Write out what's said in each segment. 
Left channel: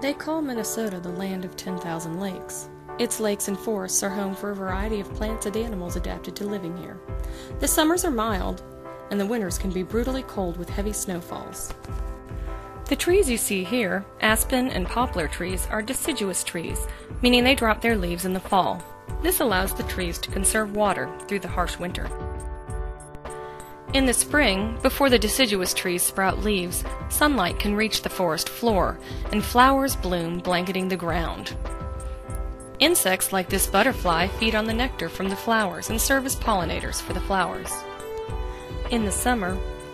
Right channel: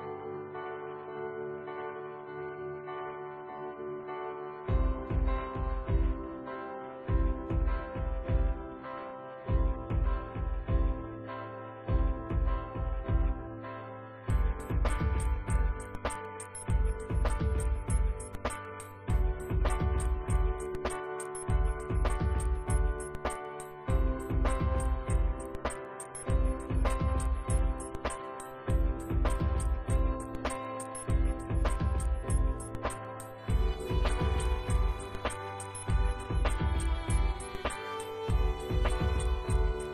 They call Minnesota the land of 10,000 lakes. Its lakes and forests are home for a variety of plants and animals adapted to living here. The summers are mild, and the winters can be brutally cold with heavy snowfalls. The trees you see here, aspen and poplar trees, are deciduous trees, meaning they drop their leaves in the fall. This allows the trees to conserve water through the harsh winter. In the spring, before the deciduous trees sprout leaves, sunlight can reach the forest floor, and flowers bloom, blanketing the ground. Insects like this butterfly feed on the nectar from the flowers and serve as pollinators for the flowers. In the summer,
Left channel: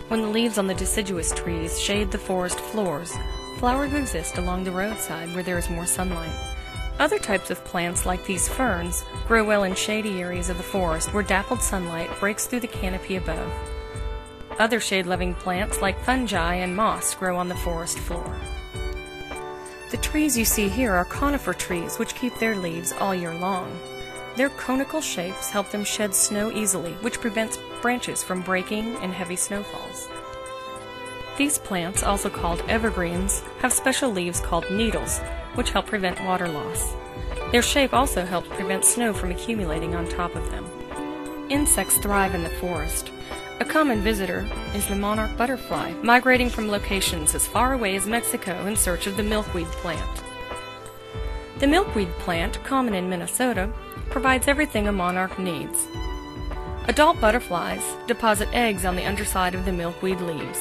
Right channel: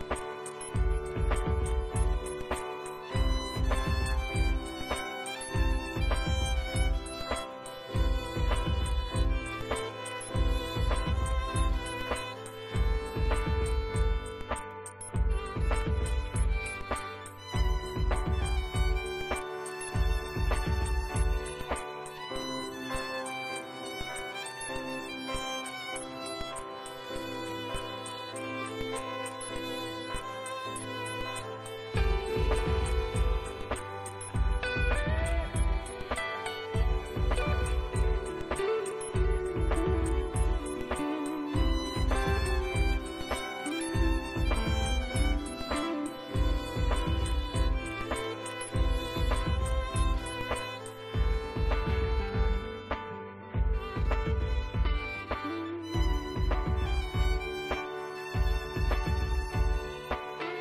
when the leaves on the deciduous trees shade the forest floors, flowers exist along the roadside where there is more sunlight. Other types of plants, like these ferns, grow well in shady areas of the forest where dappled sunlight breaks through the canopy above. Other shade-loving plants, like fungi and moss, grow on the forest floor. The trees you see here are conifer trees, which keep their leaves all year long. Their conical shapes help them shed snow easily, which prevents branches from breaking in heavy snowfalls. These plants, also called evergreens, have special leaves called needles, which help prevent water loss. Their shape also helps prevent snow from accumulating on top of them. Insects thrive in the forest. A common visitor is the monarch butterfly, migrating from locations as far away as Mexico in search of the milkweed plant. The milkweed plant, common in Minnesota, provides everything a monarch needs. Adult butterflies deposit eggs on the underside of the milkweed leaves.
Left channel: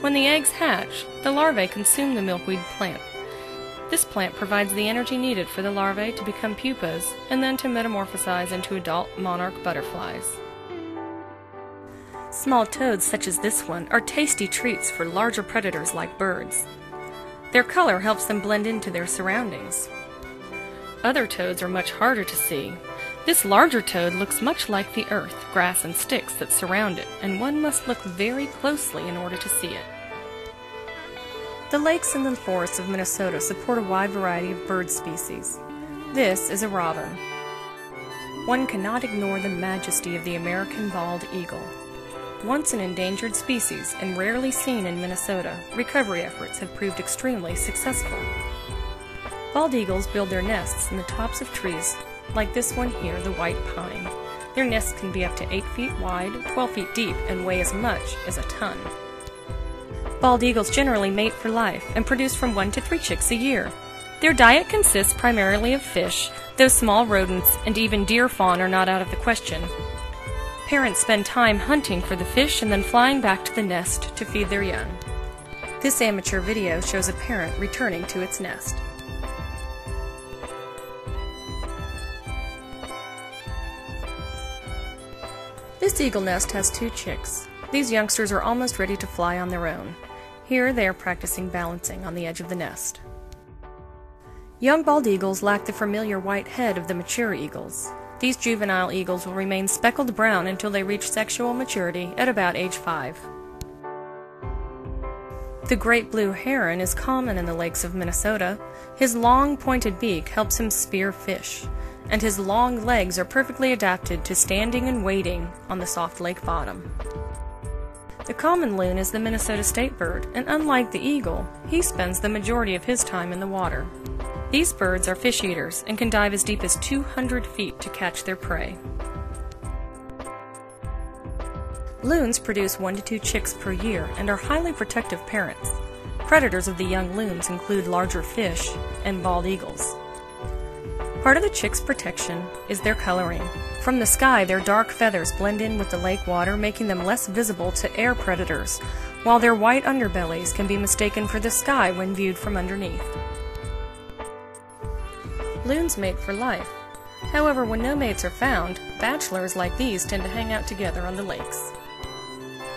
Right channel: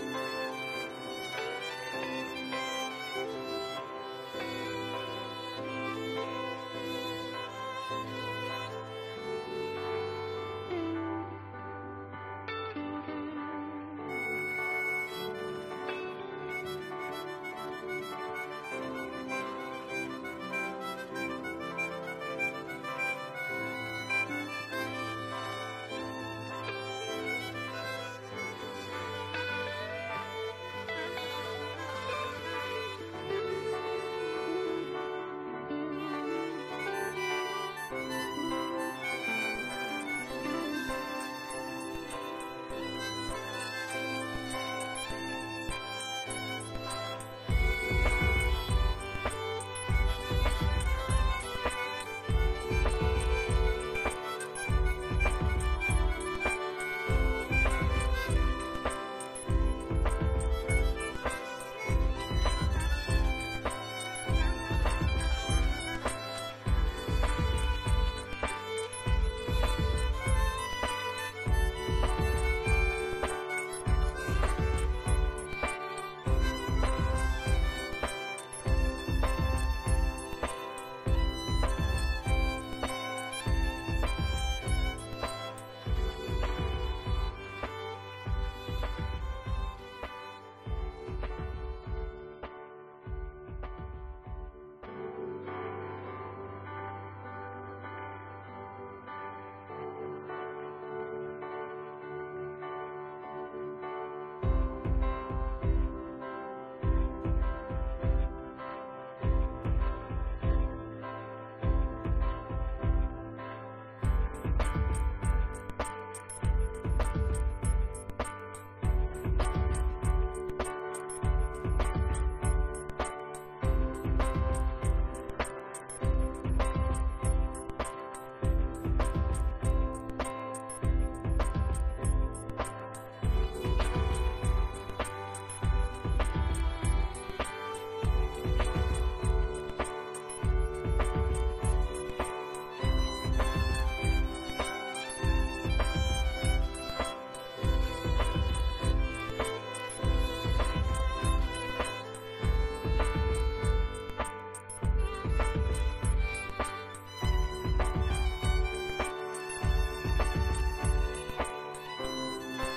When the eggs hatch, the larvae consume the milkweed plant. This plant provides the energy needed for the larvae to become pupas and then to metamorphosize into adult monarch butterflies. Small toads such as this one are tasty treats for larger predators like birds. Their color helps them blend into their surroundings. Other toads are much harder to see. This larger toad looks much like the earth, grass, and sticks that surround it, and one must look very closely in order to see it. The lakes and the forests of Minnesota support a wide variety of bird species. This is a robin. One cannot ignore the majesty of the American bald eagle. Once an endangered species and rarely seen in Minnesota, recovery efforts have proved extremely successful. Bald eagles build their nests in the tops of trees, like this one here, the white pine. Their nests can be up to 8 feet wide, 12 feet deep, and weigh as much as a ton. Bald eagles generally mate for life and produce from 1 to 3 chicks a year. Their diet consists primarily of fish, though small rodents and even deer fawn are not out of the question. Parents spend time hunting for the fish and then flying back to the nest to feed their young. This amateur video shows a parent returning to its nest. This eagle nest has 2 chicks. These youngsters are almost ready to fly on their own. Here they are practicing balancing on the edge of the nest. Young bald eagles lack the familiar white head of the mature eagles. These juvenile eagles will remain speckled brown until they reach sexual maturity at about age 5. The great blue heron is common in the lakes of Minnesota. His long, pointed beak helps him spear fish, and his long legs are perfectly adapted to standing and wading on the soft lake bottom. The common loon is the Minnesota state bird, and unlike the eagle, he spends the majority of his time in the water. These birds are fish eaters and can dive as deep as 200 feet to catch their prey. Loons produce 1 to 2 chicks per year and are highly protective parents. Predators of the young loons include larger fish and bald eagles. Part of the chicks' protection is their coloring. From the sky, their dark feathers blend in with the lake water, making them less visible to air predators, while their white underbellies can be mistaken for the sky when viewed from underneath. Loons mate for life. However, when no mates are found, bachelors like these tend to hang out together on the lakes.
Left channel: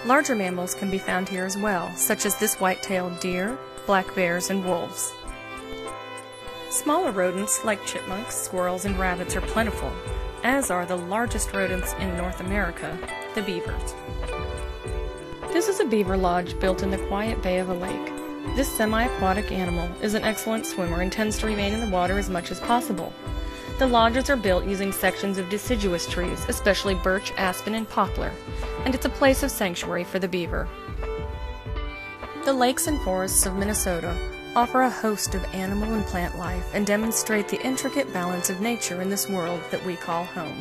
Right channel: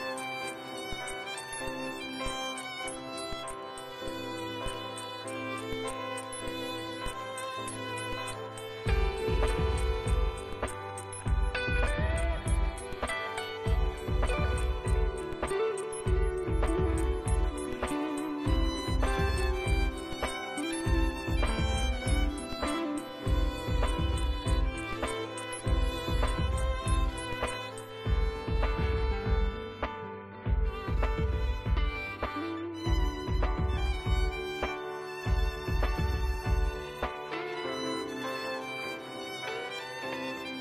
Larger mammals can be found here as well, such as this white-tailed deer, black bears, and wolves. Smaller rodents like chipmunks, squirrels, and rabbits are plentiful, as are the largest rodents in North America, the beavers. This is a beaver lodge built in the quiet bay of a lake. This semi-aquatic animal is an excellent swimmer and tends to remain in the water as much as possible. The lodges are built using sections of deciduous trees, especially birch, aspen, and poplar, and it's a place of sanctuary for the beaver. The lakes and forests of Minnesota offer a host of animal and plant life and demonstrate the intricate balance of nature in this world that we call home.